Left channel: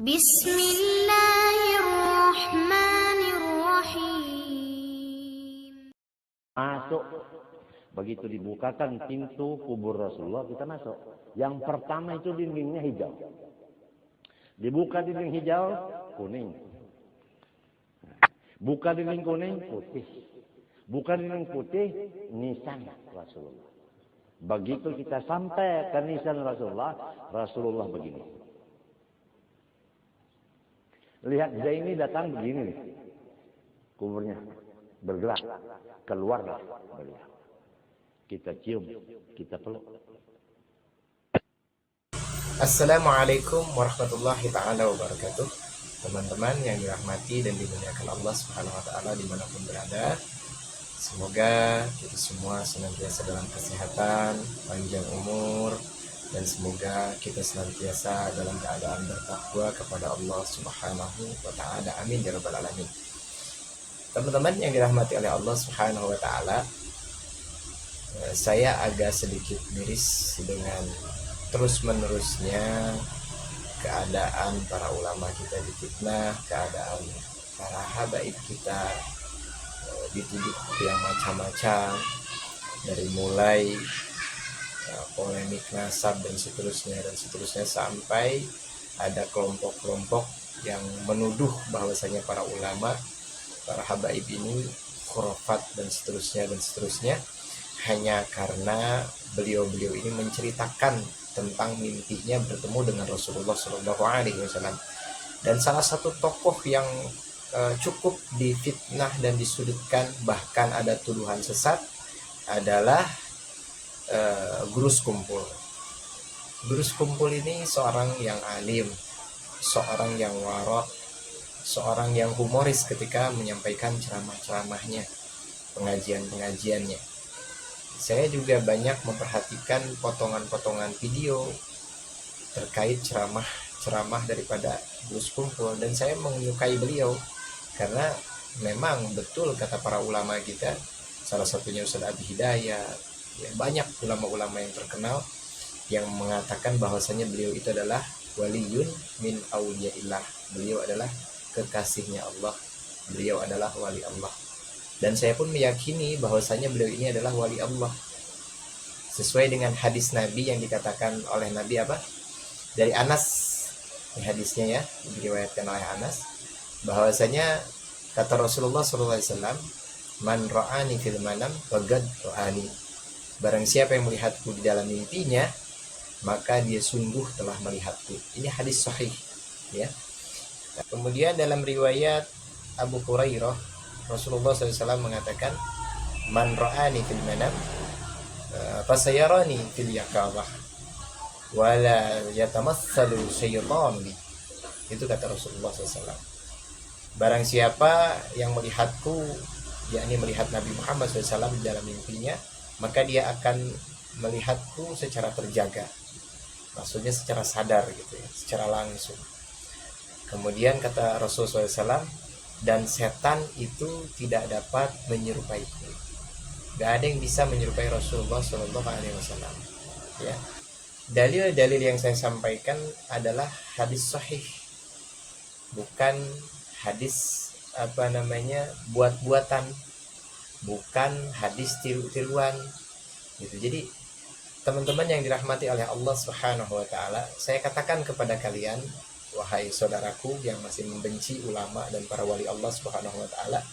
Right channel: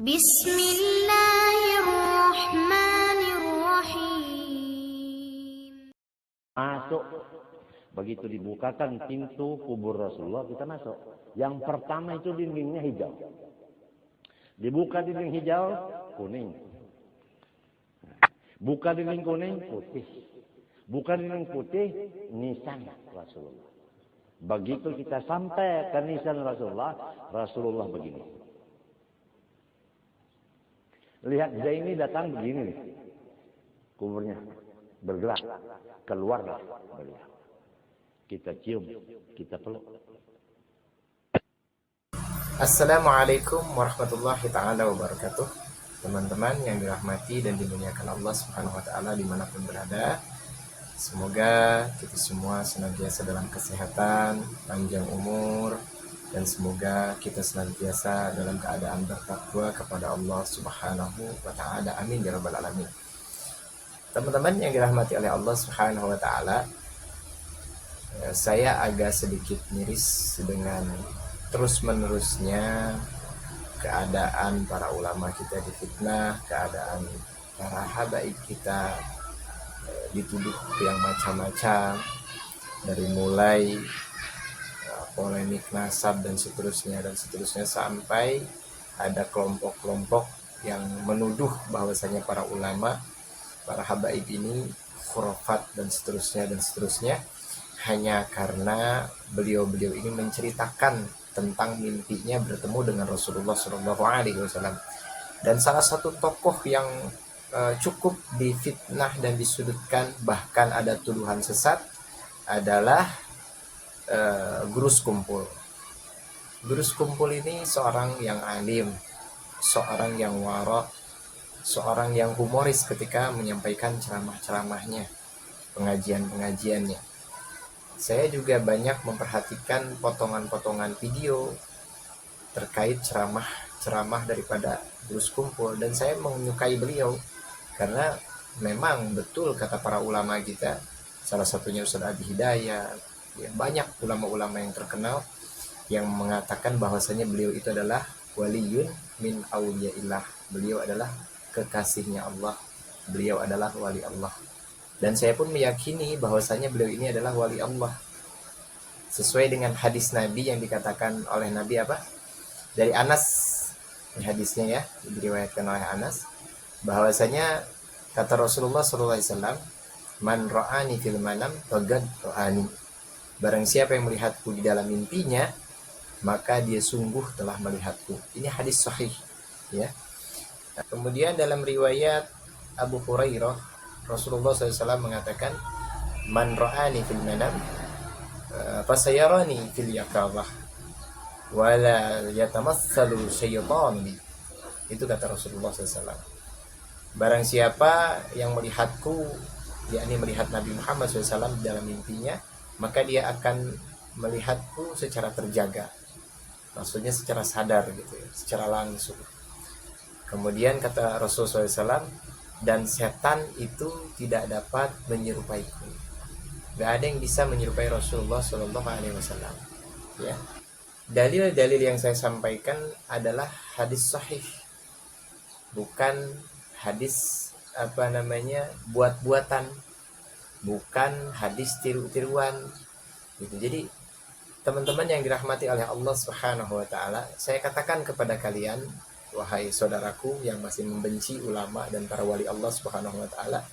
Bismillahirrahmanirrahim. Masuk. Begitu dibukakan pintu kubur Rasulullah, kita masuk. Yang pertama itu dindingnya hijau. Dibuka dinding hijau, kuning. Buka dinding kuning, putih. Buka dinding putih, nisan Rasulullah. Begitu kita sampai ke nisan Rasulullah, Rasulullah begini. Lihat Zaini datang begini nih. Kuburnya bergerak. Keluarlah beliau. Kita cium, kita peluk. Assalamualaikum warahmatullahi ta'ala wabarakatuh. Teman-teman yang dirahmati dan dimuliakan Allah subhanahu wa ta'ala dimanapun berada, semoga kita semua senantiasa dalam kesehatan, panjang umur, dan semoga kita senantiasa dalam keadaan bertakwa kepada Allah subhanahu wa ta'ala. Amin ya rabbal alamin. Teman-teman yang dirahmati oleh Allah subhanahu wa ta'ala, saya agak sedikit miris dengan terus-menerusnya keadaan para ulama kita difitnah, keadaan para habaib kita dituduh yang macam-macam, dari mulai polemik nasab dan seterusnya sampai ada kelompok-kelompok yang menuduh bahwasanya para ulama, para habaib ini khurafat dan seterusnya hanya karena beliau-beliau ini menceritakan tentang mimpinya bertemu dengan Rasulullah SAW. Dan salah satu tokoh yang cukup difitnah dan disudutkan, bahkan ada tuduhan sesat, adalah Gurus Kumpul. Gurus Kumpul ini seorang yang alim, seorang yang warok, seorang yang humoris ketika menyampaikan ceramah-ceramahnya, pengajian-pengajiannya. Saya juga banyak memperhatikan potongan-potongan video terkait ceramah daripada Gurus Kumpul, dan saya menyukai beliau karena memang betul kata para ulama kita, salah satunya Ustaz Abi Hidayat, ya, banyak ulama-ulama yang terkenal yang mengatakan bahwasanya beliau itu adalah waliyun min awliyaillah, beliau adalah kekasihnya Allah, beliau adalah wali Allah. Dan saya pun meyakini bahwasanya beliau ini adalah wali Allah, sesuai dengan hadis Nabi yang dikatakan oleh Nabi apa? Dari Anas, ini hadisnya ya, diriwayatkan oleh Anas, bahwasanya kata Rasulullah SAW, man ra'ani fil manam faqad ra'ani, barang siapa yang melihatku di dalam mimpinya, maka dia sungguh telah melihatku. Ini hadis sahih ya. Kemudian dalam riwayat Abu Hurairah, Rasulullah SAW mengatakan, man ra'ani fil manam fasayarani fil yaqamah wala yatamassalu syaitan bi. Itu kata Rasulullah SAW. Barang siapa yang melihatku, yakni melihat Nabi Muhammad SAW dalam mimpinya, maka dia akan melihatku secara terjaga, maksudnya secara sadar gitu ya, secara langsung. Kemudian kata Rasulullah SAW, dan setan itu tidak dapat menyerupaiku. Gak ada yang bisa menyerupai Rasulullah SAW. Ya. Dalil-dalil yang saya sampaikan adalah hadis sahih, bukan hadis buat-buatan, bukan hadis tiru-tiruan gitu. Jadi teman-teman yang dirahmati oleh Allah Subhanahu wa ta'ala, saya katakan kepada kalian, wahai saudaraku yang masih membenci ulama dan para wali Allah Subhanahu wa ta'ala,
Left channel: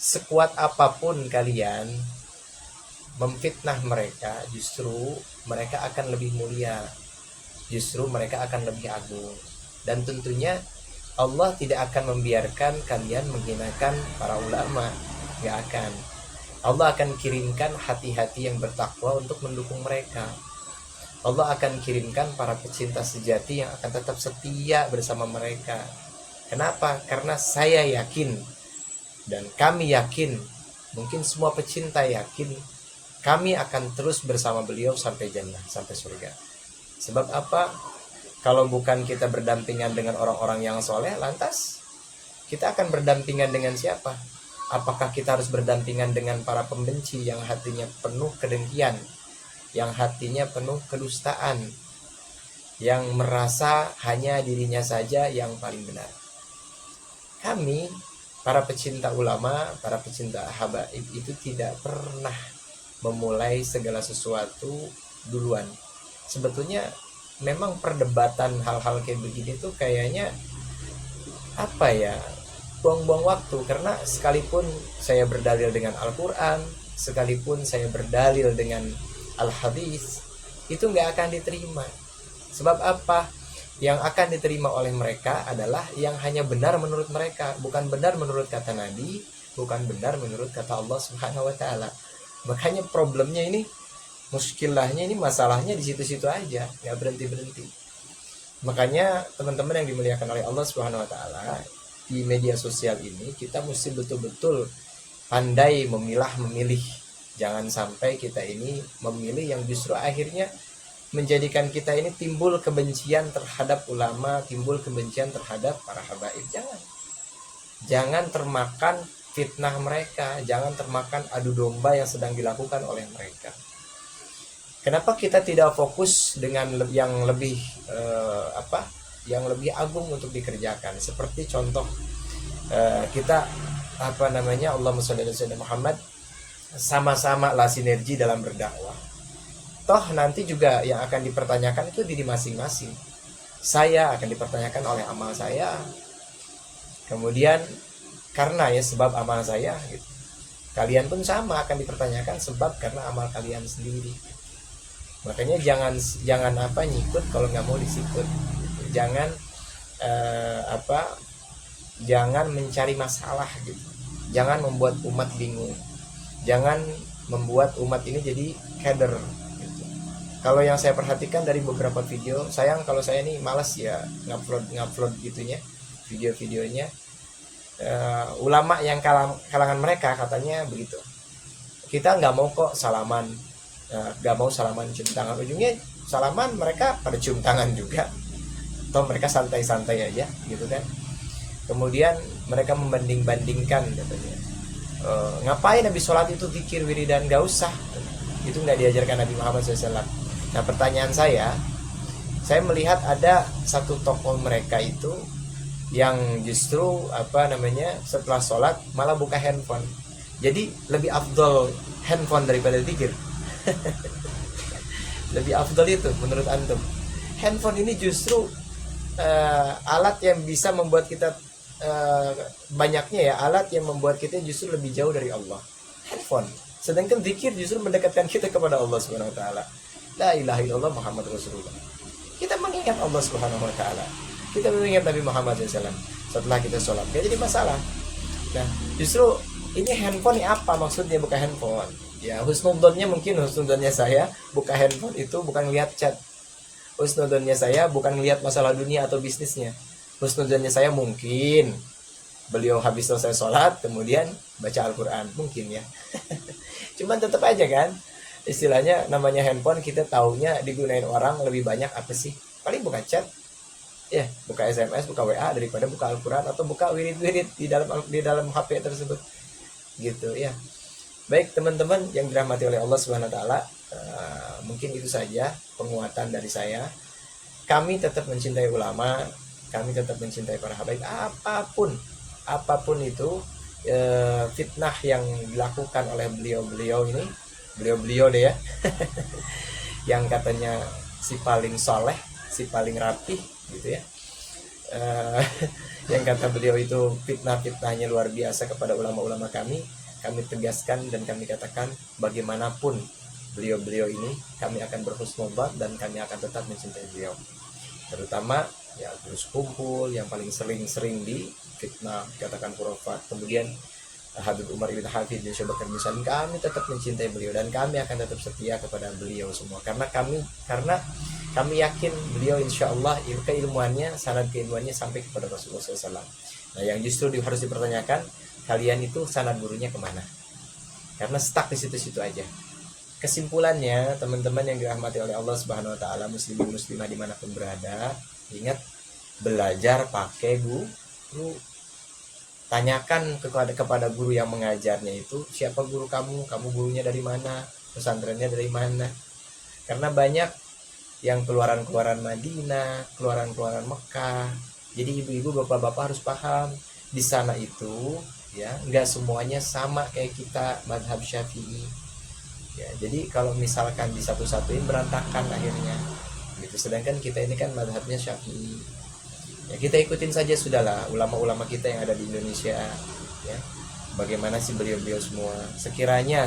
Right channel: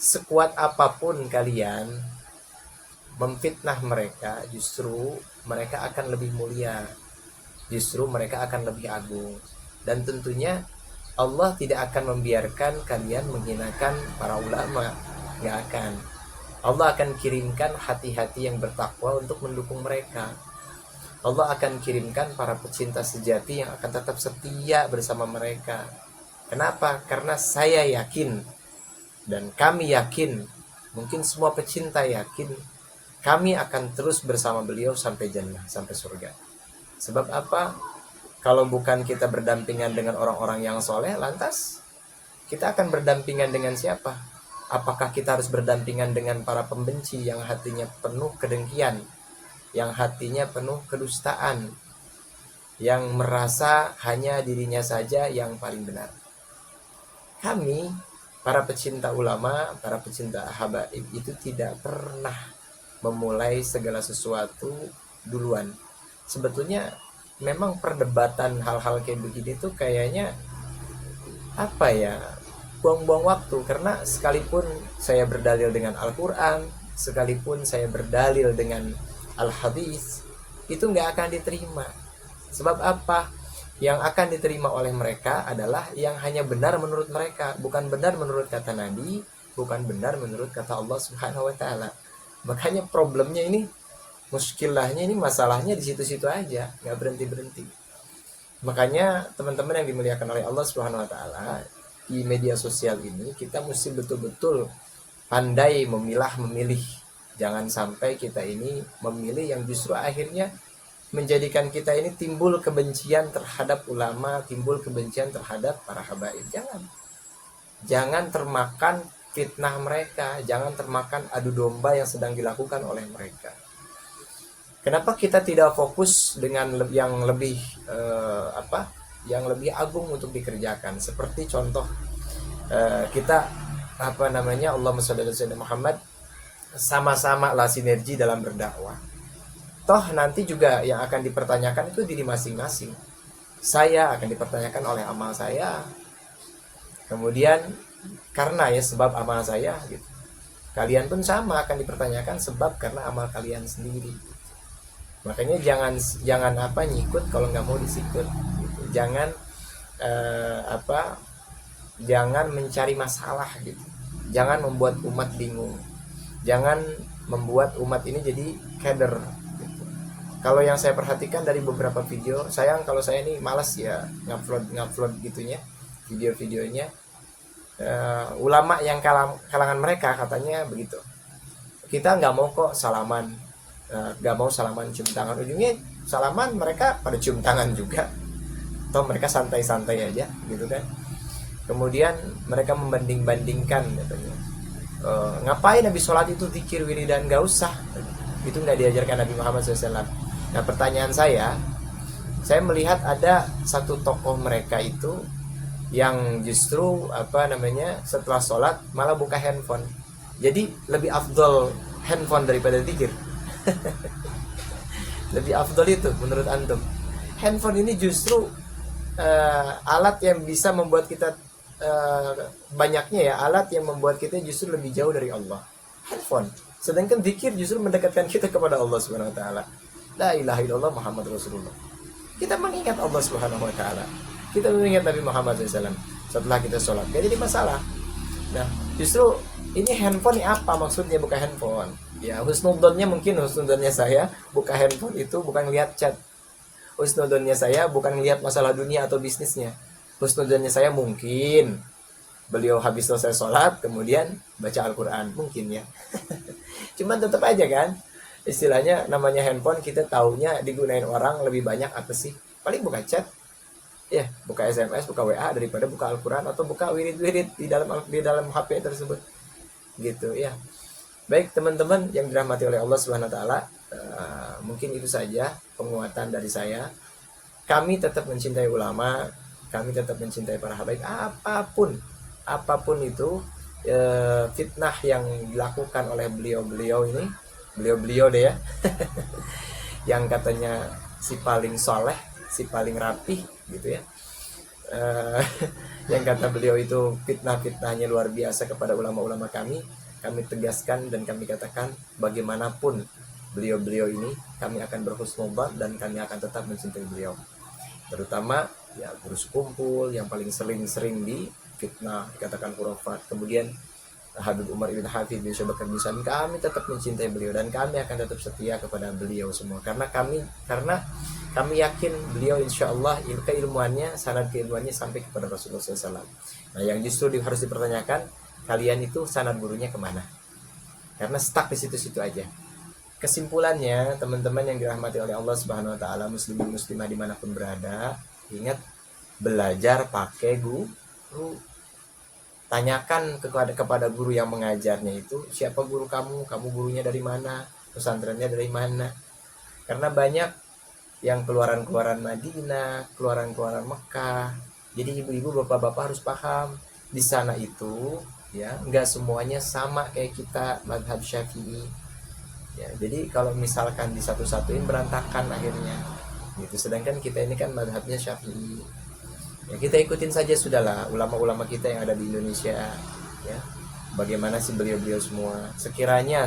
sekuat apapun kalian memfitnah mereka, justru mereka akan lebih mulia, justru mereka akan lebih agung. Dan tentunya Allah tidak akan membiarkan kalian menghinakan para ulama, gak akan. Allah akan kirimkan hati-hati yang bertakwa untuk mendukung mereka. Allah akan kirimkan para pecinta sejati yang akan tetap setia bersama mereka. Kenapa? Karena saya yakin dan kami yakin, mungkin semua pecinta yakin, kami akan terus bersama beliau sampai jannah, sampai surga. Sebab apa? Kalau bukan kita berdampingan dengan orang-orang yang soleh, lantas kita akan berdampingan dengan siapa? Apakah kita harus berdampingan dengan para pembenci yang hatinya penuh kedengkian, yang hatinya penuh kedustaan, yang merasa hanya dirinya saja yang paling benar. Kami, para pecinta ulama, para pecinta habaib itu tidak pernah memulai segala sesuatu duluan. Sebetulnya memang perdebatan hal-hal kayak begini tuh kayaknya apa ya, buang-buang waktu. Karena sekalipun saya berdalil dengan Al-Quran, sekalipun saya berdalil dengan Al-Hadis, itu nggak akan diterima. Sebab apa? Yang akan diterima oleh mereka adalah yang hanya benar menurut mereka, bukan benar menurut kata Nabi, bukan benar menurut kata Allah Subhanahu wa taala. Makanya problemnya ini, muskilahnya ini, masalahnya di situ-situ aja, nggak berhenti-berhenti. Makanya teman-teman yang dimuliakan oleh Allah Subhanahu wa taala, di media sosial ini kita mesti betul-betul pandai memilih. Jangan sampai kita ini memilih yang justru akhirnya menjadikan kita ini timbul kebencian terhadap ulama, timbul kebencian terhadap para habaib. Jangan termakan fitnah mereka, jangan termakan adu domba yang sedang dilakukan oleh mereka. Kenapa kita tidak fokus dengan yang lebih yang lebih agung untuk dikerjakan? Seperti contoh kita Allahumma sholli ala sayyidina Muhammad, sama-sama lah sinergi dalam berdakwah. Toh nanti juga yang akan dipertanyakan itu diri masing-masing. Saya akan dipertanyakan oleh amal saya. Kemudian karena ya sebab amal saya gitu. Kalian pun sama akan dipertanyakan sebab karena amal kalian sendiri. Makanya jangan nyikut kalau nggak mau disikut. Gitu. Jangan mencari masalah gitu. Jangan membuat umat bingung. Jangan membuat umat ini jadi keder. Kalau yang saya perhatikan dari beberapa video, sayang kalau saya ini malas ya ngupload gitunya, video-videonya. Ulama yang kalangan mereka katanya begitu. Kita nggak mau kok salaman, nggak mau salaman cium tangan. Ujungnya salaman mereka pada cium tangan juga. Atau mereka santai-santai aja gitu kan. Kemudian mereka membanding-bandingkan. Ngapain habis sholat itu zikir wiridan? Nggak usah. Itu nggak diajarkan Nabi Muhammad SAW. Nah pertanyaan saya melihat ada satu tokoh mereka itu yang justru setelah sholat malah buka handphone. Jadi lebih afdol handphone daripada zikir. Lebih afdol itu menurut antum. Handphone ini justru alat yang bisa membuat kita banyaknya ya, alat yang membuat kita justru lebih jauh dari Allah. Handphone. Sedangkan zikir justru mendekatkan kita kepada Allah Subhanahu wa taala. La ilaha illallah Muhammad Rasulullah. Kita mengingat Allah Subhanahu wa taala. Kita mengingat Nabi Muhammad SAW setelah kita sholat. Gak jadi masalah. Nah, justru ini handphone apa maksudnya buka handphone? Ya, husnudonnya mungkin husnudonnya saya buka handphone itu bukan lihat chat. Husnudonnya saya bukan lihat masalah dunia atau bisnisnya. Husnudonnya saya mungkin beliau habis selesai sholat kemudian baca Al-Quran mungkin ya. Cuman tetap aja kan, istilahnya namanya handphone, kita taunya digunain orang lebih banyak apa sih? Paling buka chat, ya buka SMS, buka WA daripada buka Al-Quran atau buka wirid-wirid di dalam HP tersebut, gitu ya. Baik teman-teman yang dirahmati oleh Allah Subhanahu Wa Taala, mungkin itu saja penguatan dari saya. Kami tetap mencintai ulama, kami tetap mencintai para habaib, apapun itu fitnah yang dilakukan oleh beliau-beliau deh ya. Yang katanya si paling soleh, si paling rapih gitu ya. Yang kata beliau itu fitnah-fitnahnya luar biasa kepada ulama-ulama kami tegaskan dan kami katakan bagaimanapun beliau-beliau ini kami akan berhusnudzon dan kami akan tetap mencintai beliau. Terutama ya terus kumpul yang paling sering di fitnah dikatakan khurafat. Kemudian Habib Umar bin Hafidh bin Syu'bah Al-Misani, kami tetap mencintai beliau dan kami akan tetap setia kepada beliau semua karena kami yakin beliau insyaallah keilmuannya, sanad keilmuannya sampai kepada Rasulullah SAW. Nah yang justru harus dipertanyakan, kalian itu sanad gurunya kemana? Karena stuck di situ-situ aja. Kesimpulannya teman-teman yang dirahmati oleh Allah Subhanahu Wa Taala, muslimin muslimah dimanapun berada, ingat belajar pakai guru. Tanyakan kepada guru yang mengajarnya itu, siapa guru kamu gurunya dari mana, pesantrennya dari mana. Karena banyak yang keluaran-keluaran Madinah, keluaran-keluaran Mekah. Jadi ibu-ibu, bapak-bapak harus paham di sana itu ya nggak semuanya sama kayak kita mazhab Syafi'i. Ya, jadi kalau misalkan disatu-satuin berantakan akhirnya. Gitu. Sedangkan kita ini kan mazhabnya Syafi'i. Ya, kita ikutin saja sudahlah ulama-ulama kita yang ada di Indonesia. Ya. Bagaimana sih beliau-beliau semua? Sekiranya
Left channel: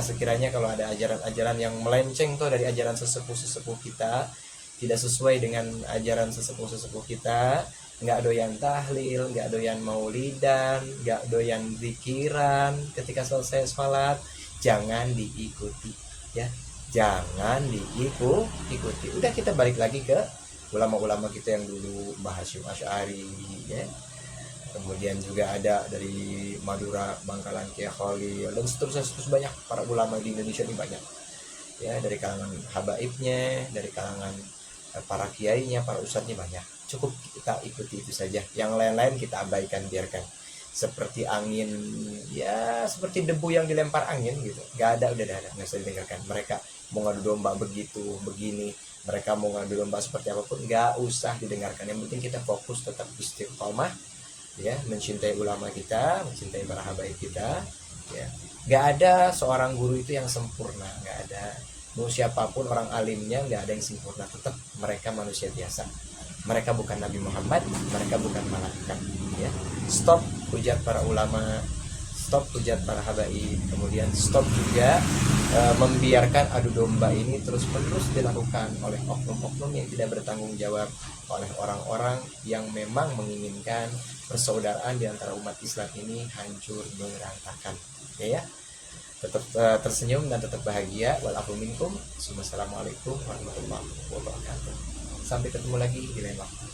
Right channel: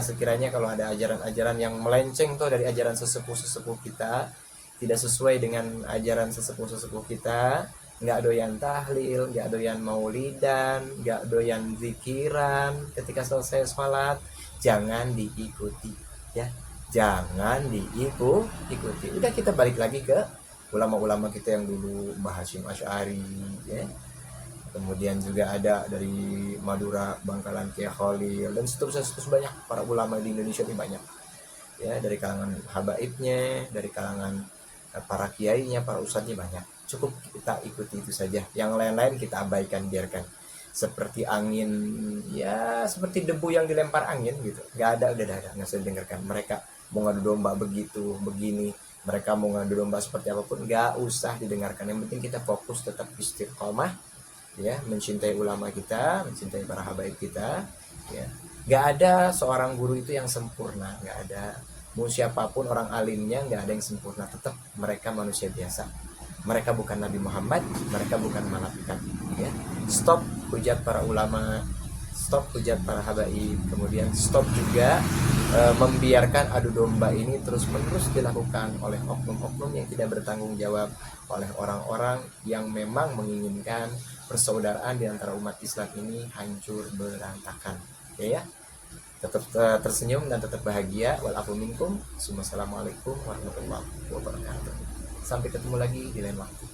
kalau ada ajaran-ajaran yang melenceng tuh dari ajaran sesepuh-sesepuh kita, tidak sesuai dengan ajaran sesepuh-sesepuh kita, nggak doyan tahlil, nggak doyan maulidan, nggak doyan zikiran ketika selesai sholat, jangan diikuti ya, jangan diikuti. Udah, kita balik lagi ke ulama-ulama kita yang dulu, Mbah Hasyim Asy'ari ya. Kemudian juga ada dari Madura, Bangkalan, Kiai Khalil, dan seterusnya banyak para ulama di Indonesia ini banyak ya, dari kalangan habaibnya, dari kalangan para kiainya, para ustadznya banyak. Cukup kita ikuti itu saja, yang lain-lain kita abaikan, biarkan seperti angin ya, seperti debu yang dilempar angin gitu, nggak ada, udah ada, nggak usah didengarkan. Mereka mau ngadu domba begitu begini, mereka mau ngadu domba seperti apapun, nggak usah didengarkan. Yang penting kita fokus tetap istiqomah ya, mencintai ulama kita, mencintai para habaib kita ya. Nggak ada seorang guru itu yang sempurna, nggak ada. Mau siapapun orang alimnya, nggak ada yang sempurna, tetap mereka manusia biasa. Mereka bukan Nabi Muhammad, mereka bukan malaikat ya. Stop hujat para ulama, stop hujat para habaib, kemudian stop juga membiarkan adu domba ini terus-menerus dilakukan oleh oknum-oknum yang tidak bertanggung jawab, oleh orang-orang yang memang menginginkan persaudaraan di antara umat Islam ini hancur berantakan ya. Tetap tersenyum dan tetap bahagia. Walafu minkum. Assalamualaikum warahmatullahi wabarakatuh. Sampai ketemu lagi di lain waktu.